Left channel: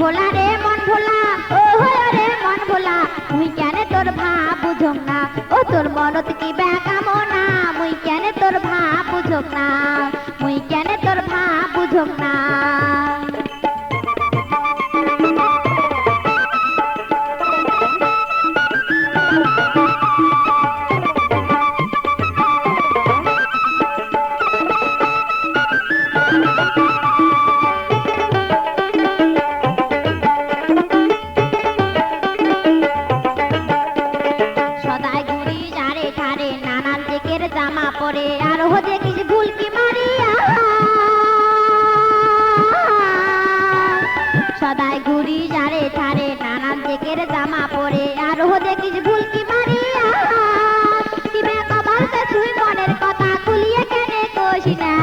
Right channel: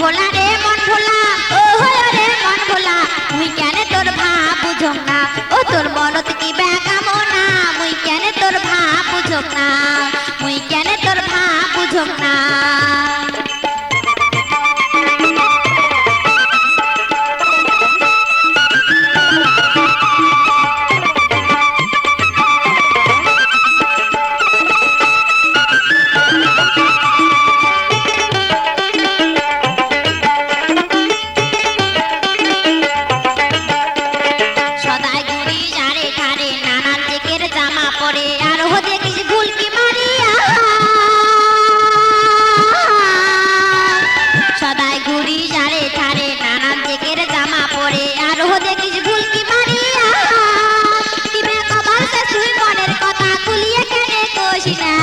ভোলা রে মন ভোলা, ও রে মন ভোলা, মুই কেন তোর ভাব বুঝম না, ও তোর মনত কি বেকামনা, মুই কেন তোর ভাব বুঝম না, মুই কেন তোর ভাব বুঝম না। সদাই ঘুরি যারে ধারে নানান দিকের জামা পরে আর হো দেখিস ভুলকি মারিয়া, দিবে কবাল সে তুই মনের কথা খুলিয়ে কেনে কোস না,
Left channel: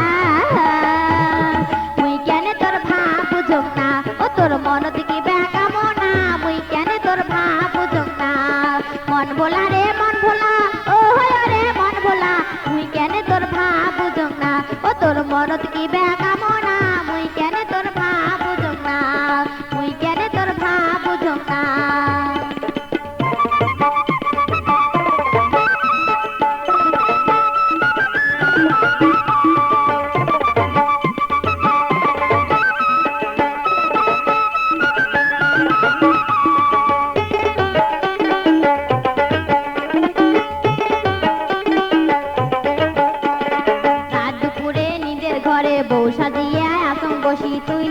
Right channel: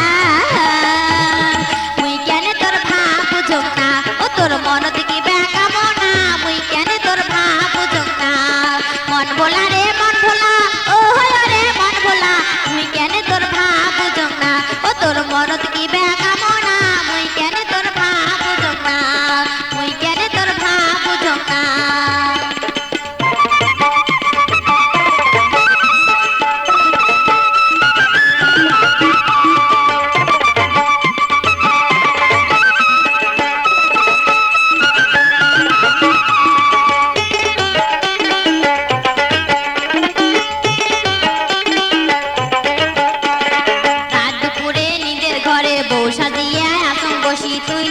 মুই কেন তোর ভাব বুঝম না, ও তোর মন দিকে বেকামনা, মুই কেন তোর ভাব বুঝম না। মন ভোলা রে মন ভোলা, ও রে মন ভোলা, মুই কেন তোর ভাব বুঝম না, ও তোর মন দিকে বেকামনা, মুই কেন তোর ভাব বুঝম না, মুই কেন তোর ভাব বুঝম না। রাত দুপুরে নিজের ঘরে বউ সাজিয়া আসন বসি তুই